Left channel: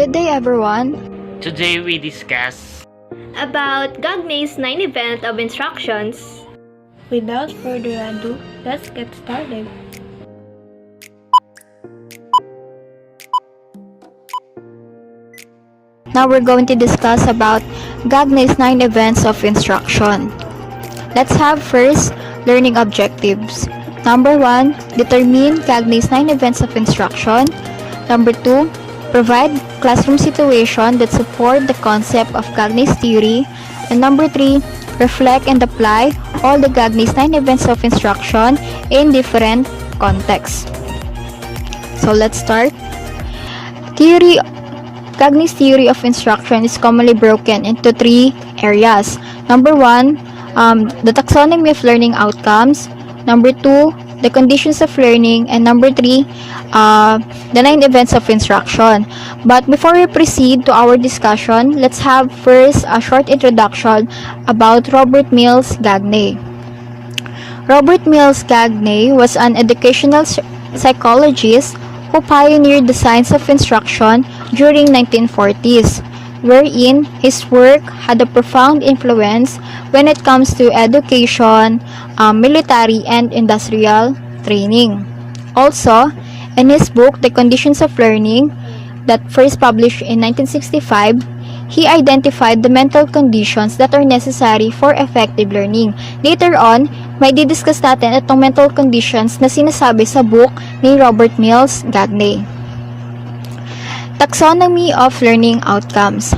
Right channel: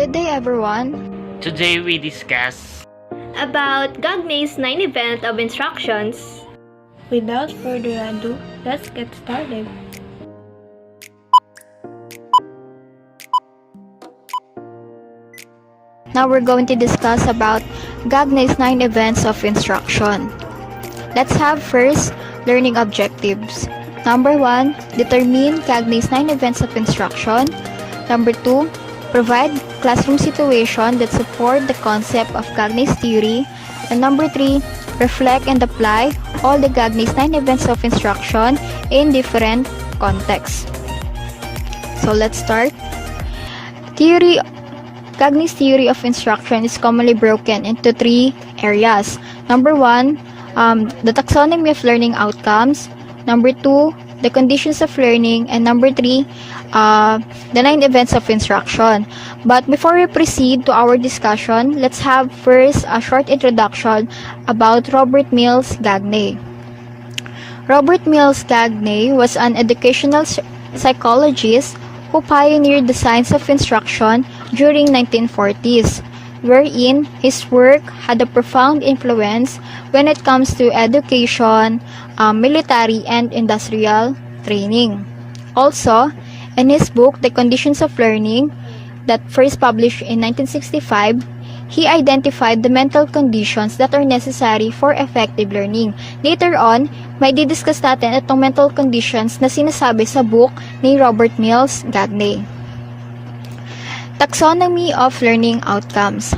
Good day, everyone. Today we discuss about Gagne's 9 event of instructions. Without further ado, let's get started. Now we're going to discuss about Gagne's 9 events of instruction. Let's have first learning objectives. Number 1, determine Gagne's 9 events of instruction. Number 2, provide classroom situation that support the concept of Gagne's theory. And number 3, reflect and apply all the Gagne's 9 events of instruction in different contexts. So let's start. Gagne's theory of instruction is commonly broken into 3 areas. Number 1, the taxonomy of learning outcomes. Number 2, the conditions of learning. And number 3, the 9 events of instruction. But before we proceed to our discussion, let's have first a short introduction about Robert Mills Gagne. Robert Mills Gagne was an educational psychologist who pioneered the science of instruction during 1940s, wherein his work had a profound influence when it comes to education, military, and industrial training. Also, in his book, The Conditions of Learning, that first published in 1965, he identified the mental conditions that are necessary for effective learning. Later on, may didiscuss natin itong mental conditions na sinasabi sa book ni Robert Mills Gagne. Taxonomy of Learning Outcomes.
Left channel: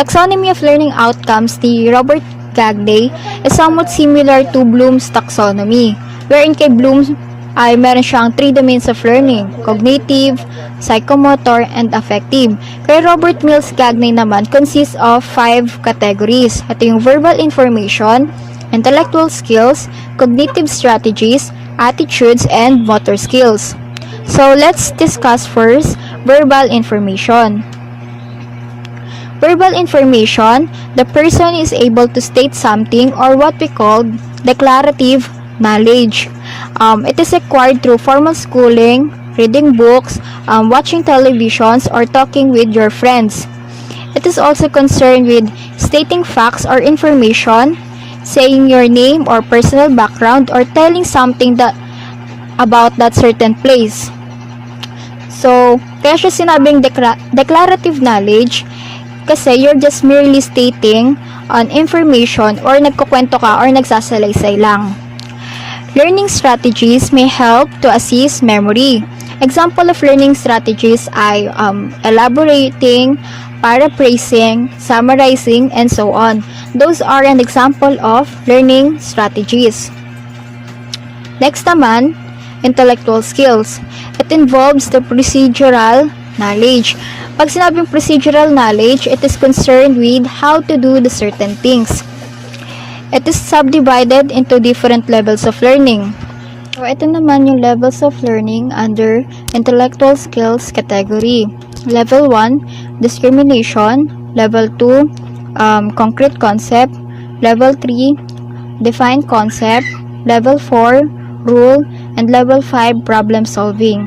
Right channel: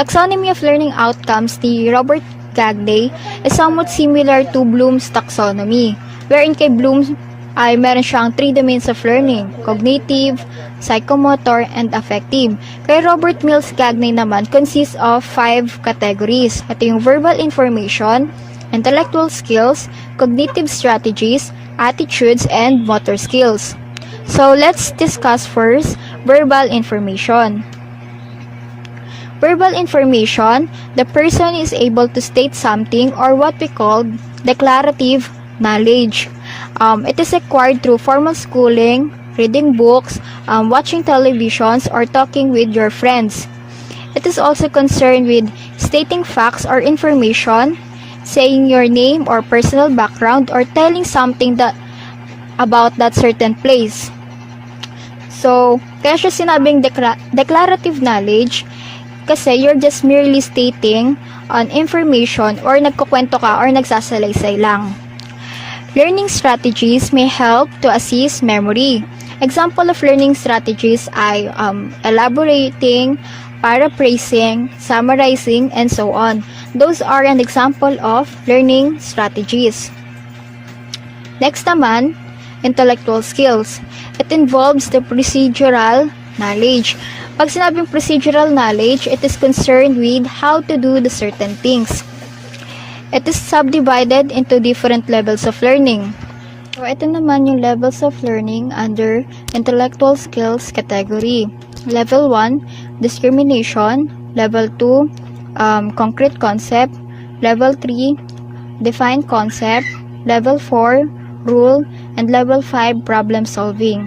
Taxonomy of Learning Outcomes ni Robert Gagne is somewhat similar to Bloom's taxonomy, wherein kay Bloom ay meron siyang 3 domains of learning: cognitive, psychomotor, and affective. Kay Robert Mills Gagne naman consists of 5 categories. Ito yung verbal information, intellectual skills, cognitive strategies, attitudes, and motor skills. So let's discuss first verbal information. Verbal information, the person is able to state something or what we call declarative knowledge. It is acquired through formal schooling, reading books, watching televisions, or talking with your friends. It is also concerned with stating facts or information, saying your name or personal background, or telling something about that certain place. So, kaya siya sinabing declarative knowledge kasi you're just merely stating on information or nagkukwento ka or nagsasalaysay lang. Learning strategies may help to assist memory. Example of learning strategies ay elaborating, paraphrasing, summarizing, and so on. Those are an example of learning strategies. Next naman, intellectual skills. It involves the procedural knowledge. Pag sinabing procedural knowledge, it is concerned with how to do the certain things. It is subdivided into different levels of learning. So, ito naman yung levels of learning under intellectual skills category. Level 1, discrimination. Level 2, concrete concept. Level 3, defined concept. Level 4, rule. And level 5, problem solving.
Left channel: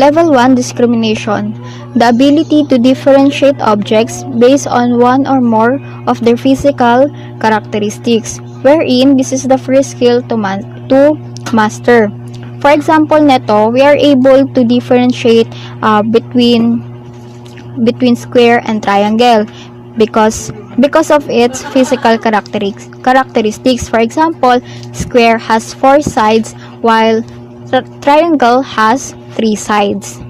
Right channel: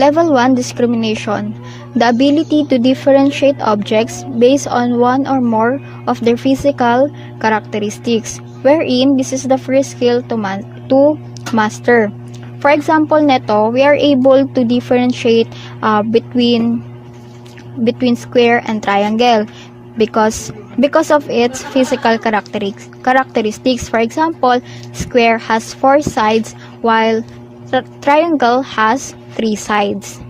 Level 1, discrimination. The ability to differentiate objects based on one or more of their physical characteristics, wherein this is the first skill to master. For example, neto, we are able to differentiate between square and triangle because of its physical characteristics. For example, square has 4 sides while triangle has 3 sides.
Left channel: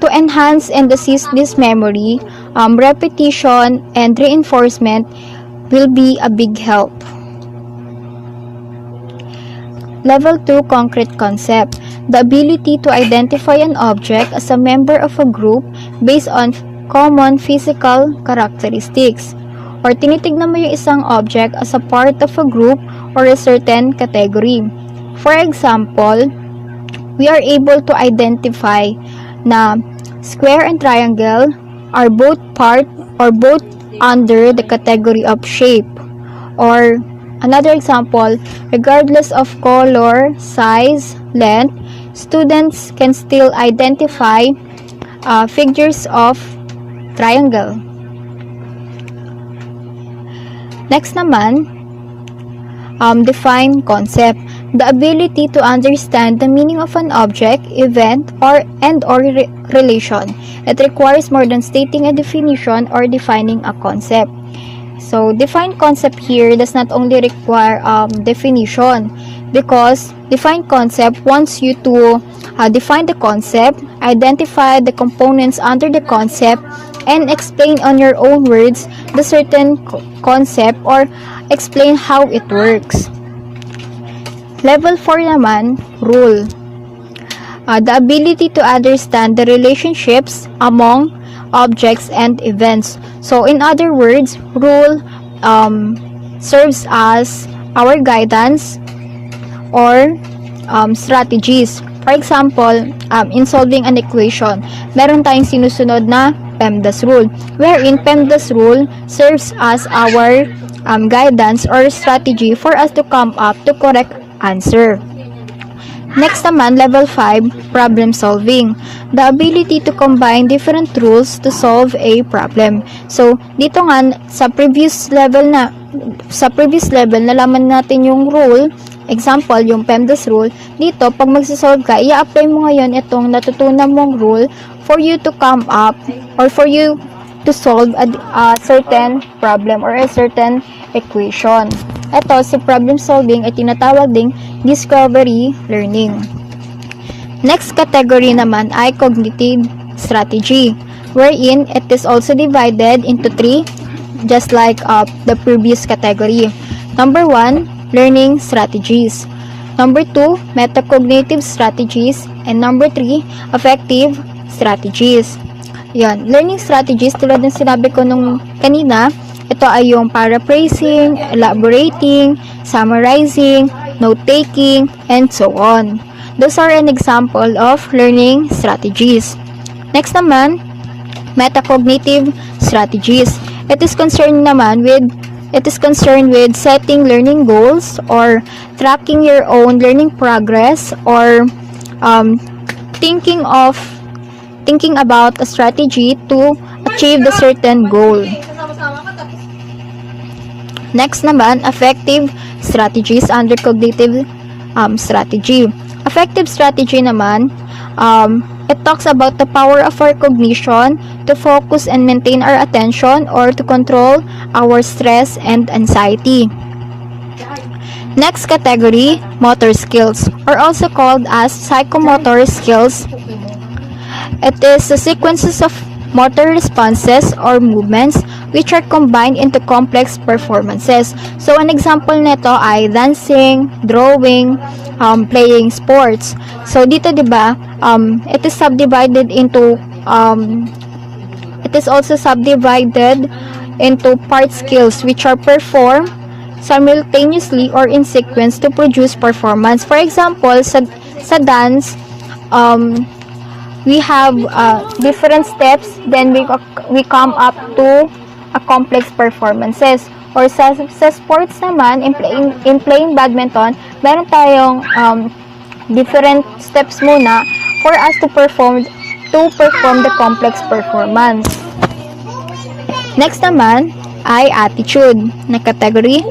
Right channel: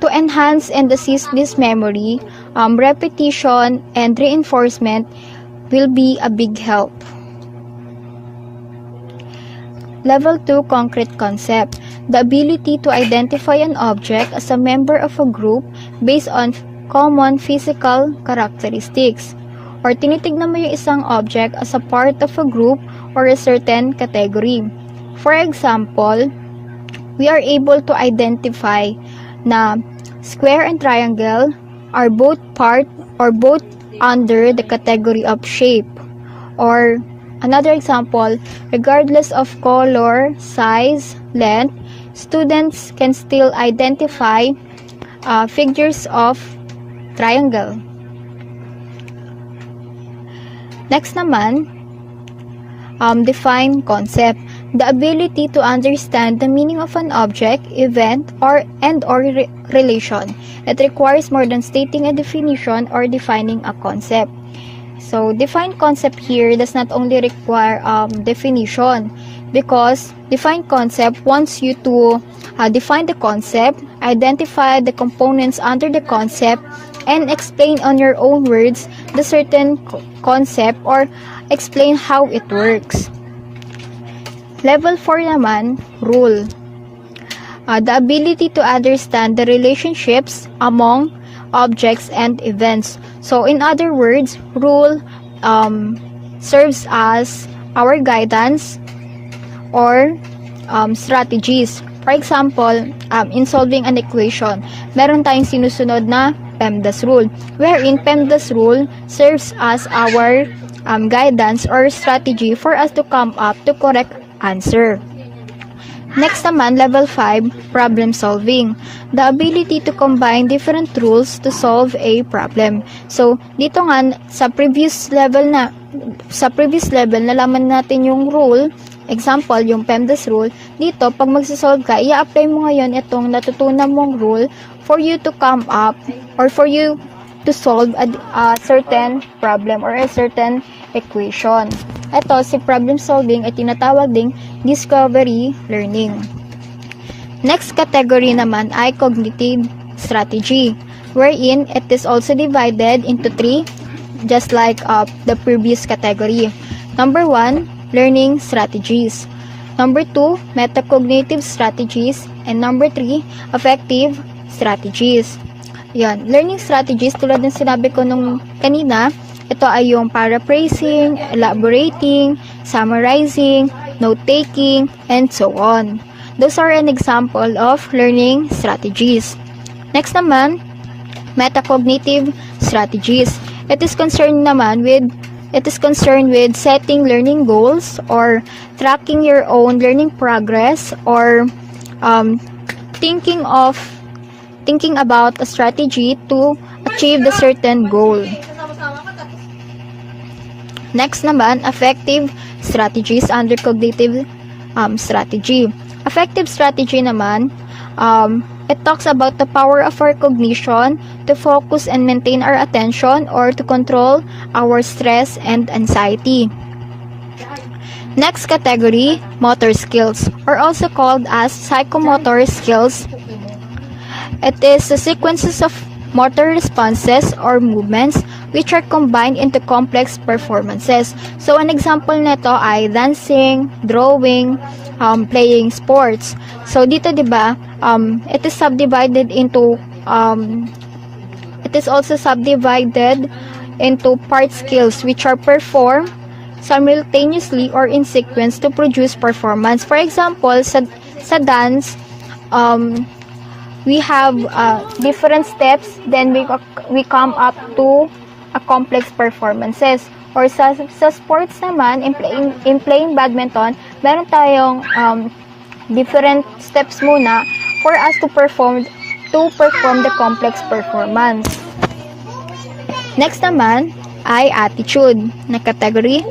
To enhance and assist this memory, repetition and reinforcement will be a big help. Level 2, concrete concept. The ability to identify an object as a member of a group based on common physical characteristics. Or tinitignan mo yung isang object as a part of a group or a certain category. For example, we are able to identify na square and triangle are both part or both under the category of shape. Or another example, regardless of color, size, length, students can still identify figures of triangle. Next naman, define concept. The ability to understand the meaning of an object, event, or relation. It requires more than stating a definition or defining a concept. So, define concept here does not only require definition, because define concept wants you to define the concept, identify the components under the concept, and explain on your own words the certain concept or explain how it works. Level 4 naman, rule. The ability to understand the relationships among objects and events. So, in other words, rule serves as our guidance or strategies. For example, in solving an equation, meron tayong sinusunod na PEMDAS rule, wherein PEMDAS rule serves as our guidance or strategy for us to come up to correct answer. Next naman, level 5, problem solving. The ability to combine different rules to solve a problem. So, dito nga, sa previous level, nalaman natin yung rule. Example, yung PEMDAS rule. Dito, pag magsasolve ka, i-apply mo ngayon itong natutunan mong rule for you to come up or for you to solve a certain problem or a certain equation. Ito, sa problem solving ay tinatawag ding discovery learning. Next category naman ay cognitive strategy, wherein it is also divided into 3, just like the previous category. Number 1, learning strategies. Number 2, metacognitive strategies. And number 3, affective strategies. Yan, learning strategies, tulad ng sinabi ko nung kanina, ito ay yung paraphrasing, elaborating, summarizing, note-taking, and so on. Those are an example of learning strategies. Next naman, metacognitive strategies. It is concerned with setting learning goals or tracking your own learning progress or thinking about a strategy to achieve the certain goal. Next naman, affective strategies under cognitive strategy. Affective strategy naman, it talks about the power of our cognition to focus and maintain our attention or to control our stress and anxiety. Next category, motor skills, or also called as psychomotor skills. It is the sequences of motor responses or movements which are combined into complex performances. So, an example nito ay dancing, drawing, playing sports. So, dito diba, it is also subdivided into part skills which are performed simultaneously or in sequence to produce performance. For example, sa dance, we have different steps, then we come up to a complex performances. Or sa sports naman, in playing badminton, meron tayong different steps muna for us to perform the complex performance. Next naman ay attitude na category.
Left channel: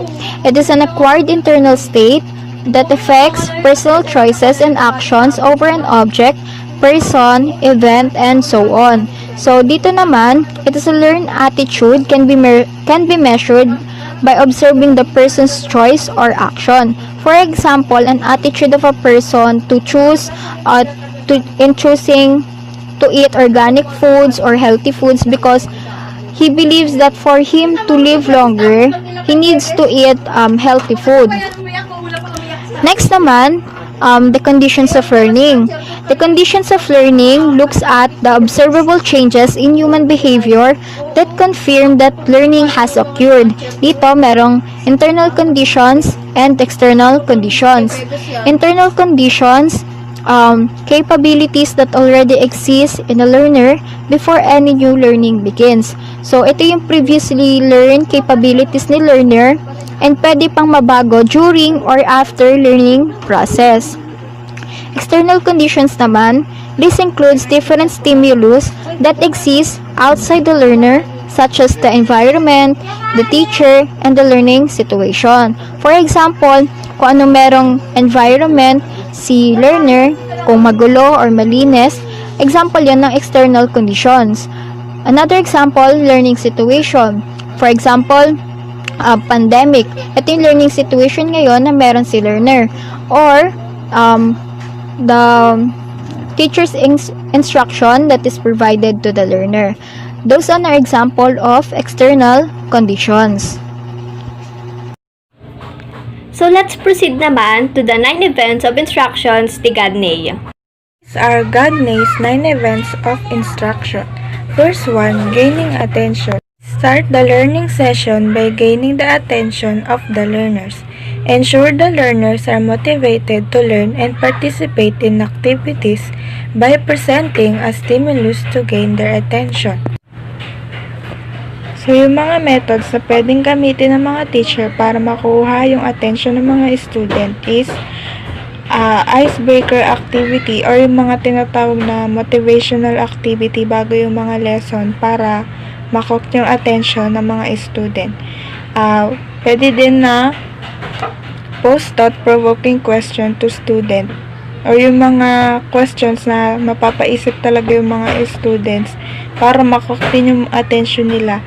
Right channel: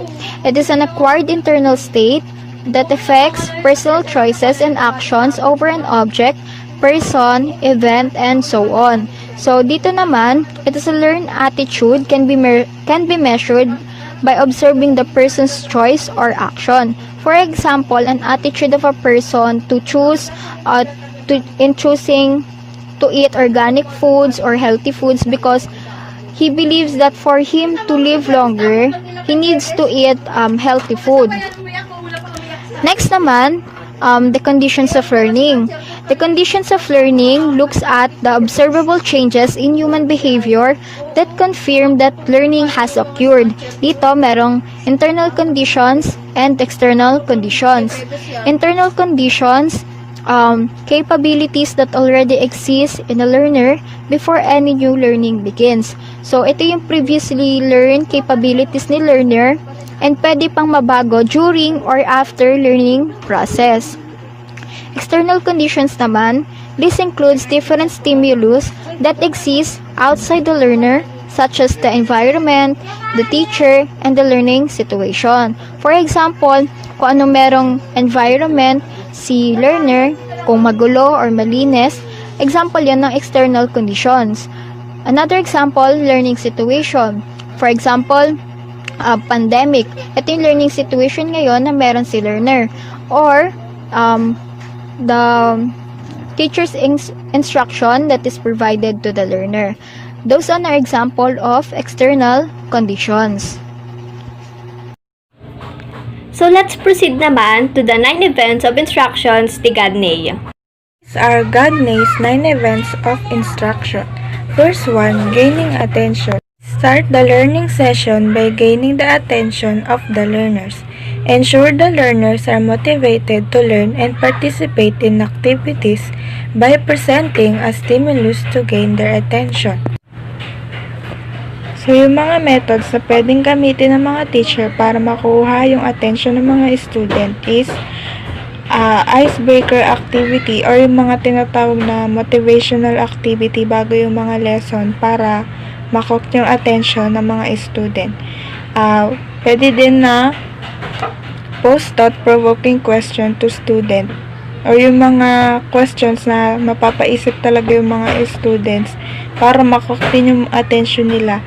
It is an acquired internal state that affects personal choices and actions over an object, person, event, and so on. So, dito naman, it is a learned attitude can be measured by observing the person's choice or action. For example, an attitude of a person to choosing to eat organic foods or healthy foods because he believes that for him to live longer, he needs to eat healthy food. Next naman, the conditions of learning. The conditions of learning looks at the observable changes in human behavior that confirm that learning has occurred. Dito, merong internal conditions and external conditions. Internal conditions, capabilities that already exist in a learner before any new learning begins. So, ito yung previously learned capabilities ni learner and pwede pang mabago during or after learning process. External conditions naman, this includes different stimulus that exist outside the learner, such as the environment, the teacher, and the learning situation. For example, kung ano merong environment si learner, kung magulo or malinis, example yan ng external conditions. Another example, learning situation. For example, pandemic. Ito yung learning situation ngayon na meron si learner. Or, the teacher's instruction that is provided to the learner. Those are an example of external conditions. So let's proceed naman to the 9 events of instructions ni Gagne. These are Gagne's 9 events of instruction. First one, gaining attention. Start the learning session by gaining the attention of the learners. Ensure the learners are motivated to learn and participate in activities by presenting a stimulus to gain their attention. So, yung mga methods na pwedeng gamitin ng mga teacher para makuha yung attention ng mga student is icebreaker activity or yung mga tinatawag na motivational activity bago yung mga lesson para makook yung attention ng mga student. Pwede din na post thought-provoking question to student or yung mga questions na mapapaisip talaga yung mga students para makook din yung attention nila.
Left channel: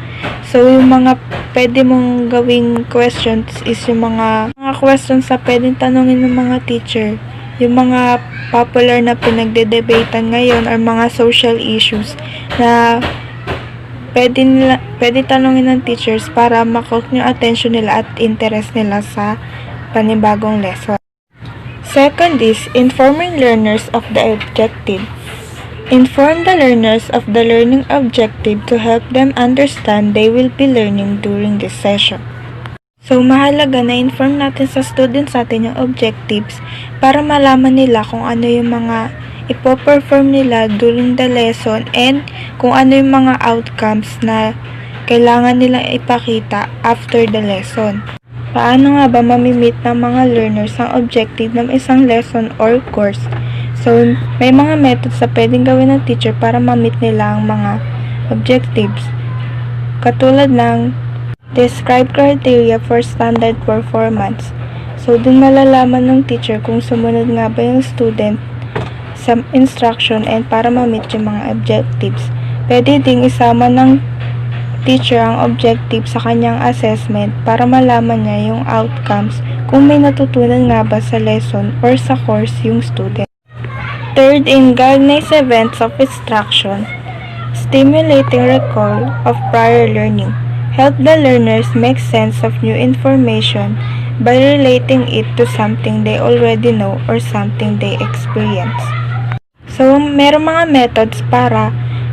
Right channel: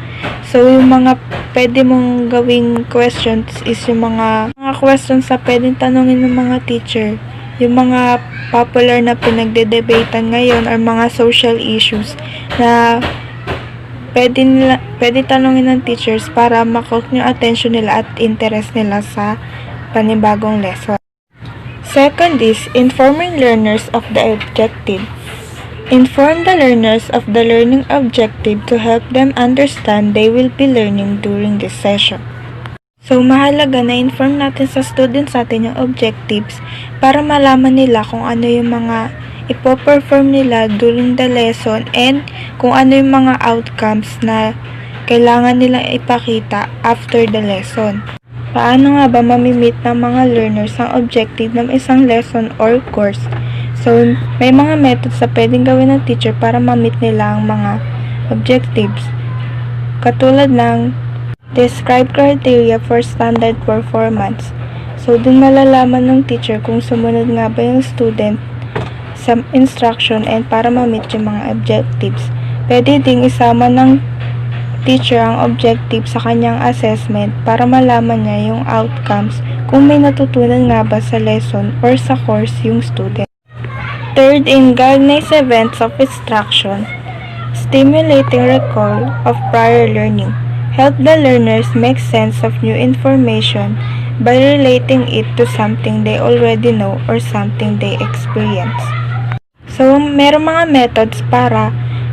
So, yung mga pwede mong gawing questions is yung mga questions na pwedeng tanongin ng mga teacher. Yung mga popular na pinagde-debatean ngayon or mga social issues na pwede tanongin ng teachers para makook yung attention nila at interest nila sa panibagong lesson. Second is informing learners of the objective. Inform the learners of the learning objective to help them understand they will be learning during this session. So, mahalaga na inform natin sa students natin yung objectives para malaman nila kung ano yung mga ipo-perform nila during the lesson and kung ano yung mga outcomes na kailangan nilang ipakita after the lesson. Paano nga ba mamimit ng mga learners ang objective ng isang lesson or course? So, may mga methods na pwedeng gawin ng teacher para mamit nila ang mga objectives. Katulad ng describe criteria for standard performance. So, dun malalaman ng teacher kung sumunod nga ba yung student sa instruction and para mamit yung mga objectives. Pwede ding isama ng teacher ang objective sa kanyang assessment para malaman niya yung outcomes kung may natutunan nga ba sa lesson or sa course yung student. Third, in Gagne's events of instruction, stimulating recall of prior learning. Help the learners make sense of new information by relating it to something they already know or something they experience. So, meron mga methods para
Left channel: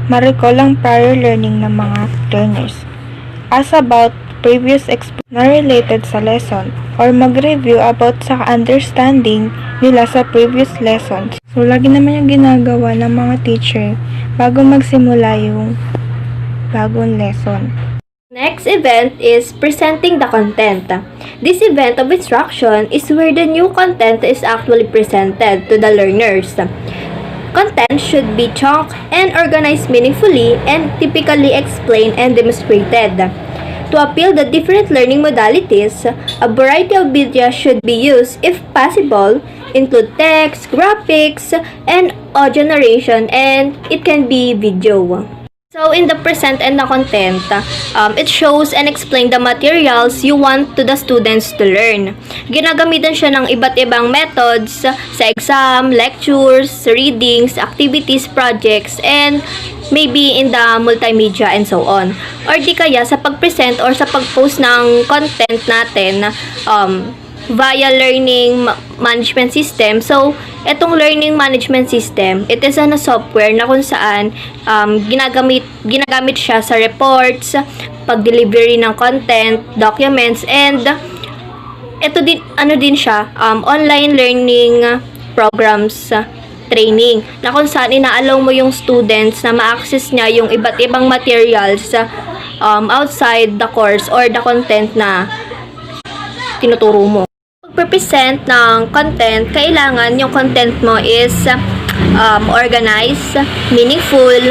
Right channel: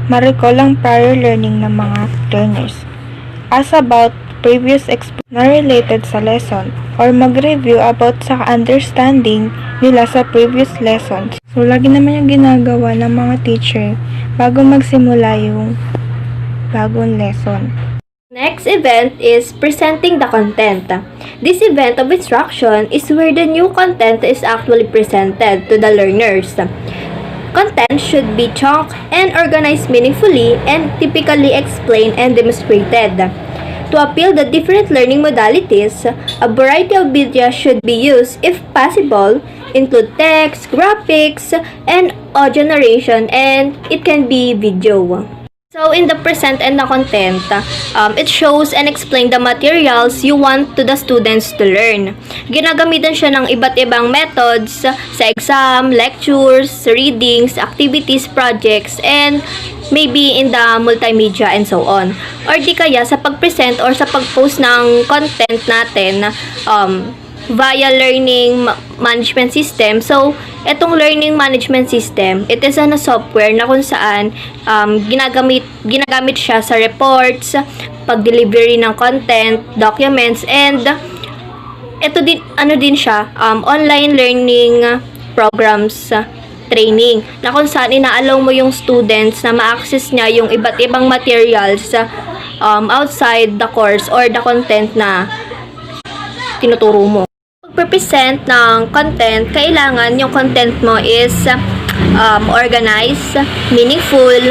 ma-recall ang prior learning ng mga learners. Ask about previous experience na related sa lesson or mag-review about sa understanding nila sa previous lessons. So, lagi naman yung ginagawa ng mga teacher bago magsimula yung bagong lesson. Next event is presenting the content. This event of instruction is where the new content is actually presented to the learners. Content should be chunked and organized meaningfully and typically explained and demonstrated. To appeal the different learning modalities, a variety of media should be used if possible, include text, graphics, and audio narration, and it can be video. So, in the present and the content, it shows and explains the materials you want to the students to learn. Ginagamitan siya ng iba't ibang methods sa exam, lectures, readings, activities, projects, and maybe in the multimedia and so on. Or di kaya sa pag-present or sa pag-post ng content natin via learning management system. So, etong learning management system, it is a software na kung saan ginagamit siya sa reports, pag-delivery ng content, documents, and ito din, din siya, online learning programs training, na kung saan ina-allow mo yung students na ma-access niya yung iba't ibang materials outside the course or the content na tinuturo mo. magpe-present ng content, kailangan yung content mo is organized, meaningful,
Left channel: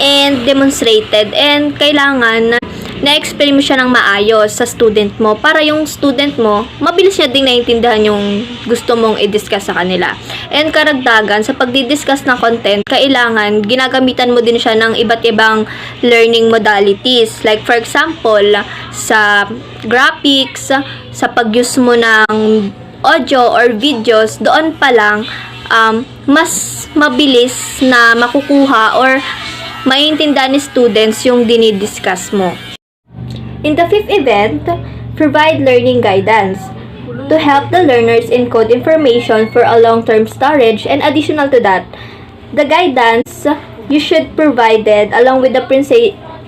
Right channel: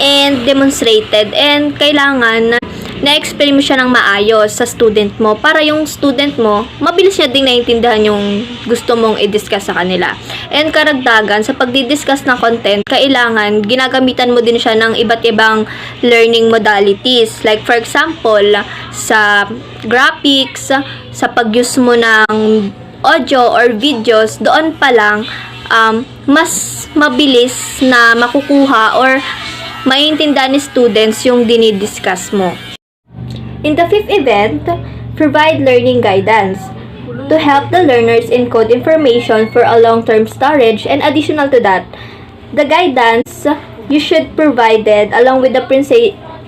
and demonstrated. And kailangan na-explain mo siya ng maayos sa student mo para yung student mo, mabilis niya ding naiintindihan yung gusto mong i-discuss sa kanila. And karagdagan, sa pagdi-discuss ng content, kailangan ginagamitan mo din siya ng iba't ibang learning modalities. Like for example, sa graphics, sa pag-use mo ng audio or videos, doon pa lang mas mabilis na makukuha or maiintindihan ni students yung dinidiscuss mo. In the fifth event, provide learning guidance to help the learners encode information for a long-term storage, and additional to that, the guidance you should provided along with the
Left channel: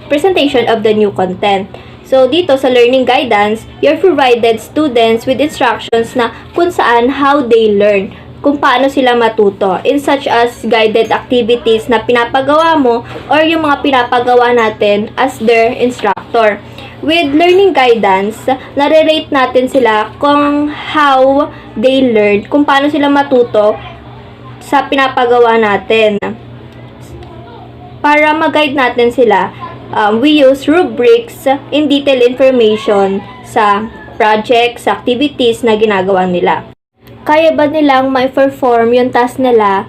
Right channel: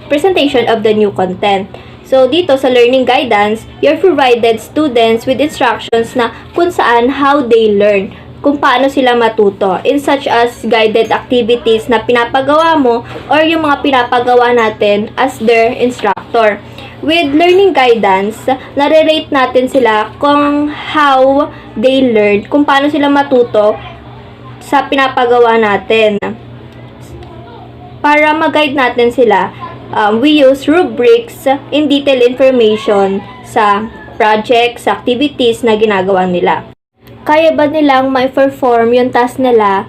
presentation of the new content. So, dito sa learning guidance, you're provided students with instructions na kung saan, how they learn, kung paano sila matuto, in such as guided activities na pinapagawa mo or yung mga pinapagawa natin as their instructor. With learning guidance, nare-rate natin sila kung how they learn, kung paano sila matuto sa pinapagawa natin. Para mag-guide natin sila, we use rubrics in detailed information sa projects, activities na ginagawa nila. Kaya ba nilang ma-perform yung task nila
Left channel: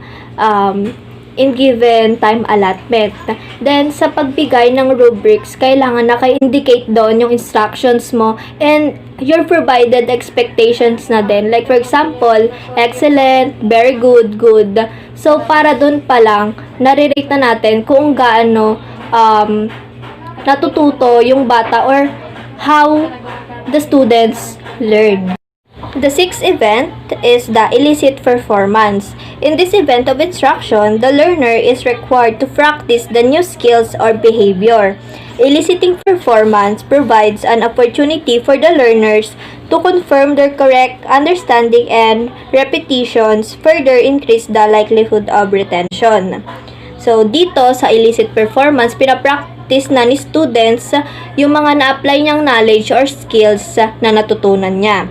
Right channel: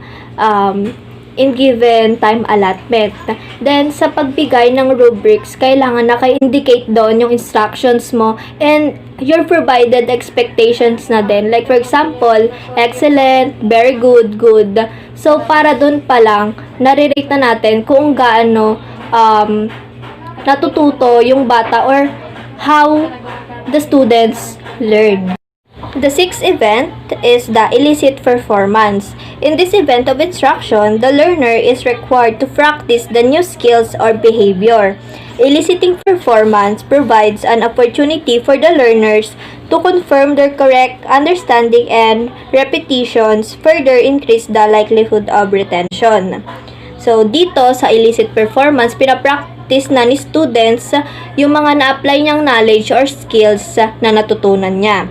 in given time allotment? Then, sa pagbigay ng rubrics, kailangan naka-indicate doon yung instructions mo and your provided expectations na din. Like, for example, excellent, very good, good. So, para doon pa lang, nare-rate na natin kung gaano natututo yung bata or how the students learn. The sixth event is the illicit performance. In this event of instruction, the learner is required to practice the new skills or behavior. Eliciting performance provides an opportunity for the learners to confirm their correct understanding, and repetitions further increase the likelihood of retention. So, dito sa illicit performance, pinapractice na ni students yung mga na-apply niyang knowledge or skills na natutunan niya.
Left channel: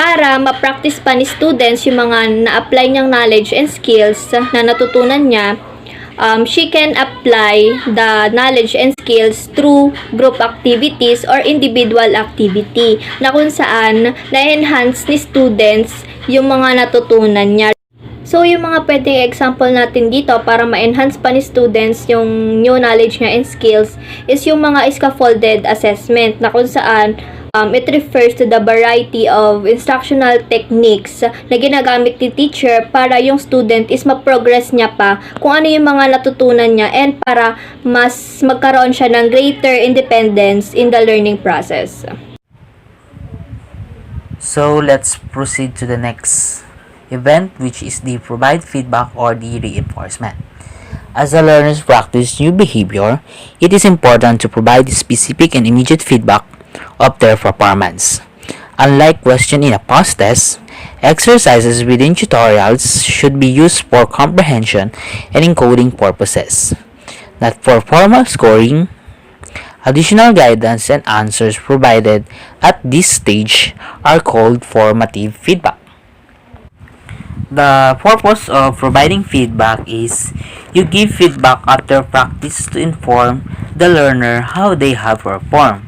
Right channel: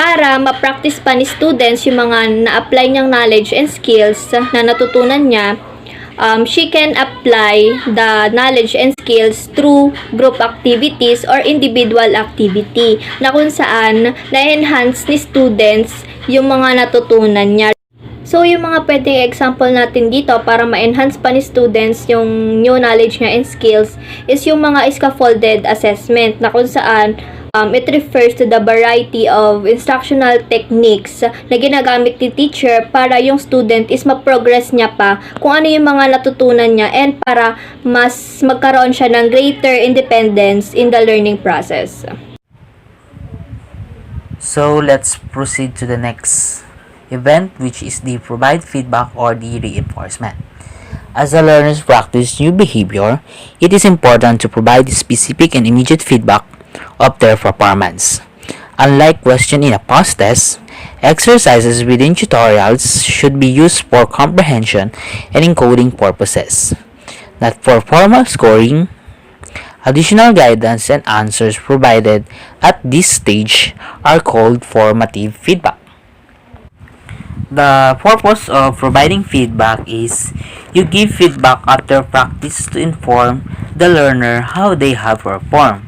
Para ma-practice pa ni students yung mga na-apply niyang knowledge and skills na natutunan niya, she can apply the knowledge and skills through group activities or individual activity na kung saan na-enhance ni students yung mga natutunan niya. So, yung mga pwedeng example natin dito para ma-enhance pa ni students yung new knowledge niya and skills is yung mga scaffolded assessment na kung saan it refers to the variety of instructional techniques na ginagamit ni teacher para yung student is ma-progress niya pa kung ano yung mga natutunan niya and para mas magkaroon siya ng greater independence in the learning process. So let's proceed to the next event, which is the provide feedback or the reinforcement. As the learners practice new behavior, it is important to provide specific and immediate feedback of their performance. Unlike question in a past test, exercises within tutorials should be used for comprehension and encoding purposes, not for formal scoring. Additional guidance and answers provided at this stage are called formative feedback. The purpose of providing feedback is you give feedback after practice to inform the learner how they have performed,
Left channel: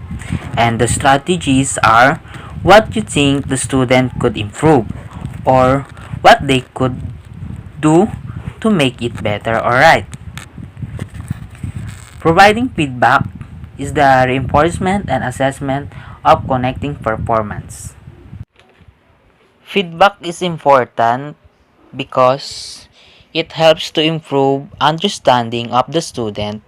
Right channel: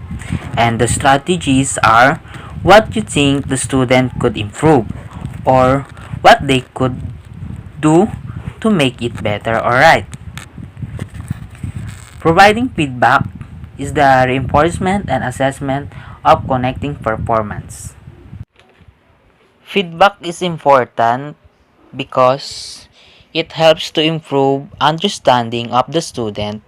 and the strategies are what you think the student could improve or what they could do to make it better or right. Providing feedback is the reinforcement and assessment of connecting performance. Feedback is important because it helps to improve understanding of the student.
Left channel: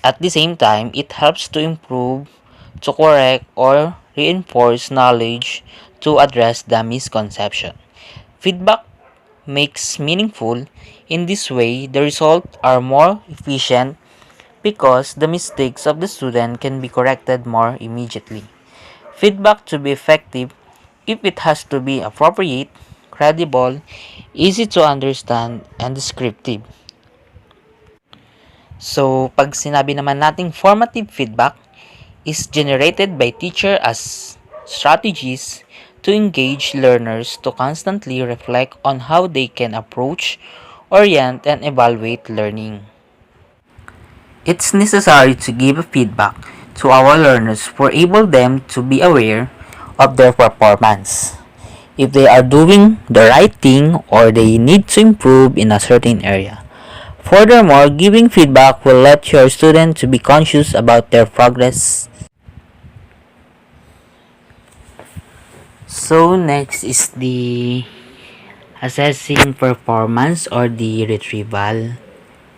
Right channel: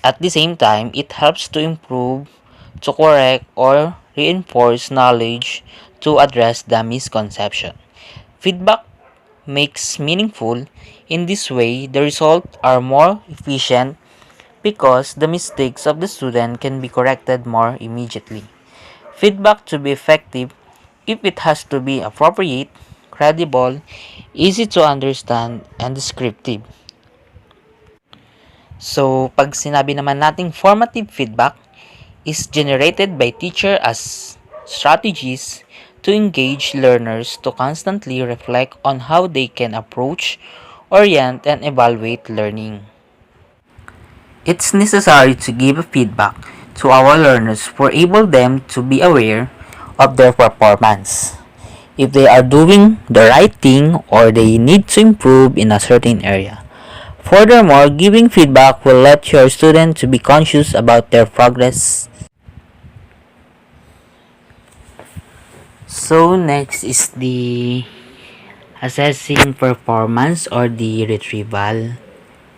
At the same time, it helps to improve, to correct, or reinforce knowledge to address the misconception. Feedback makes meaningful. In this way, the results are more efficient because the mistakes of the student can be corrected more immediately. Feedback to be effective, if it has to be appropriate, credible, easy to understand, and descriptive. So, pag sinabi naman nating formative feedback is generated by teacher as strategies to engage learners to constantly reflect on how they can approach, orient, and evaluate learning. It's necessary to give feedback to our learners for able them to be aware of their performance, if they are doing the right thing or they need to improve in a certain area. Furthermore, giving feedback will let your students to be conscious about their progress. So next is the assessing performance or the retrieval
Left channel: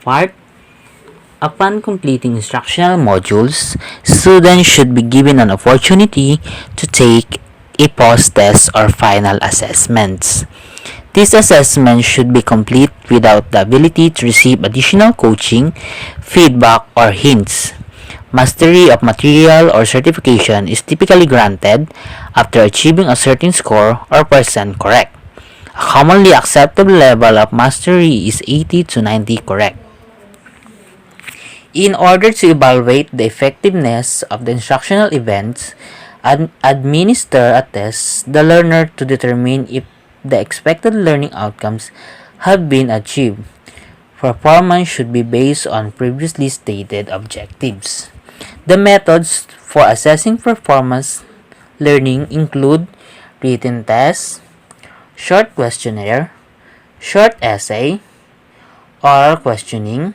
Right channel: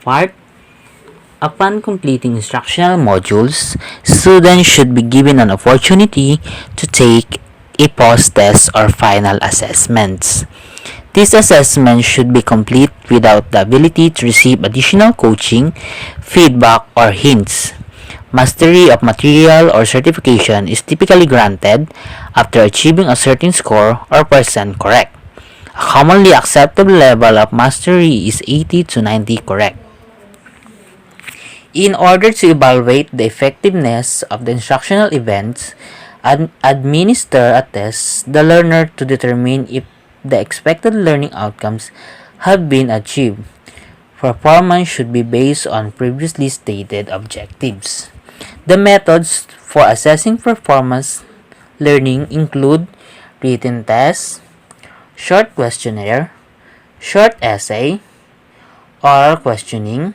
part. Upon completing instructional modules, students should be given an opportunity to take a post test or final assessments. This assessment should be complete without the ability to receive additional coaching, feedback, or hints. Mastery of material or certification is typically granted after achieving a certain score or percent correct. A commonly acceptable level of mastery is 80 to 90 correct. In order to evaluate the effectiveness of the instructional events, administer a test the learner to determine if the expected learning outcomes have been achieved. Performance should be based on previously stated objectives. The methods for assessing performance learning include written tests, short questionnaire, short essay, oral questioning,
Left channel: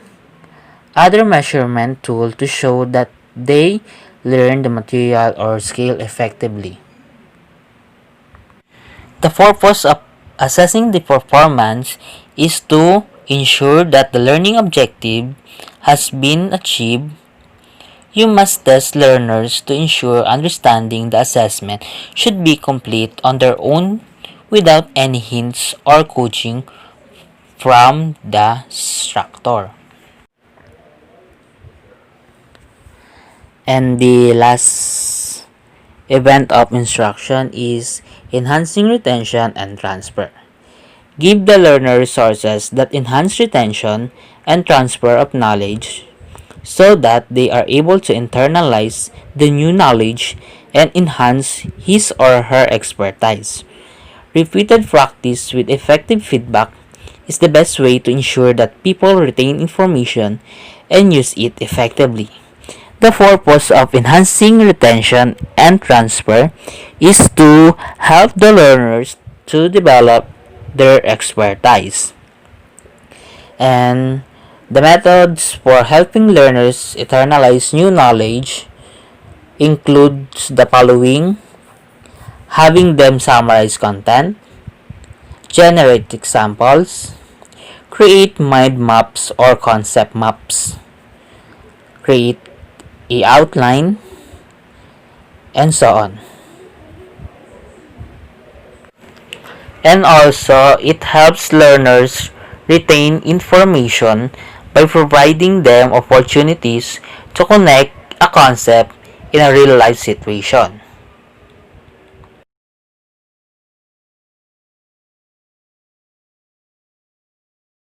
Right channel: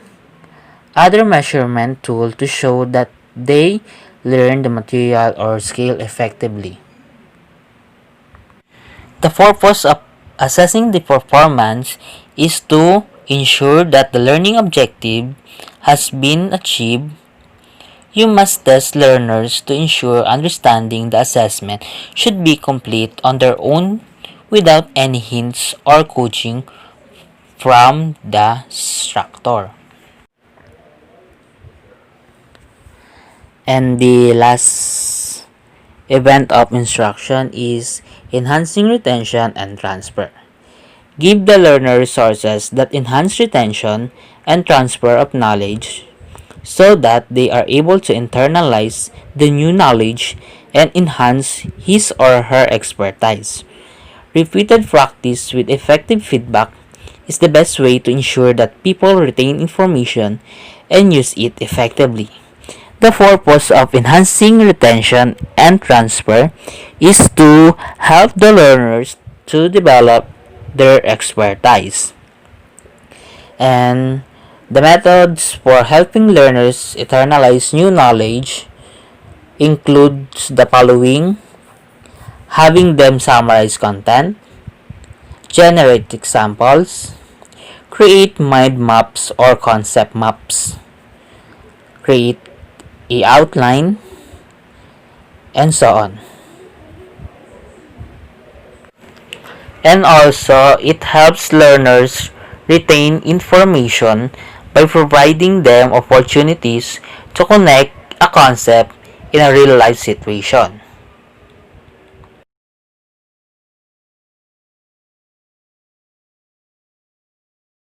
other measurement tool to show that they learn the material or skill effectively. The purpose of assessing the performance is to ensure that the learning objective has been achieved. You must test learners to ensure understanding the assessment should be complete on their own without any hints or coaching from the instructor. And the last event of instruction is enhancing retention and transfer. Give the learner resources that enhance retention and transfer of knowledge so that they are able to internalize the new knowledge and enhance his or her expertise. Repeated practice with effective feedback is the best way to ensure that people retain information and use it effectively. The purpose of enhancing retention and transfer is to help the learners to develop their expertise. And the methods for helping learners internalize new knowledge includes the following: having them summarize content, generate examples, create mind maps or concept maps, create a outline, and so on. And also, it helps learners retain information by providing them opportunities to connect a concept in a real life situation.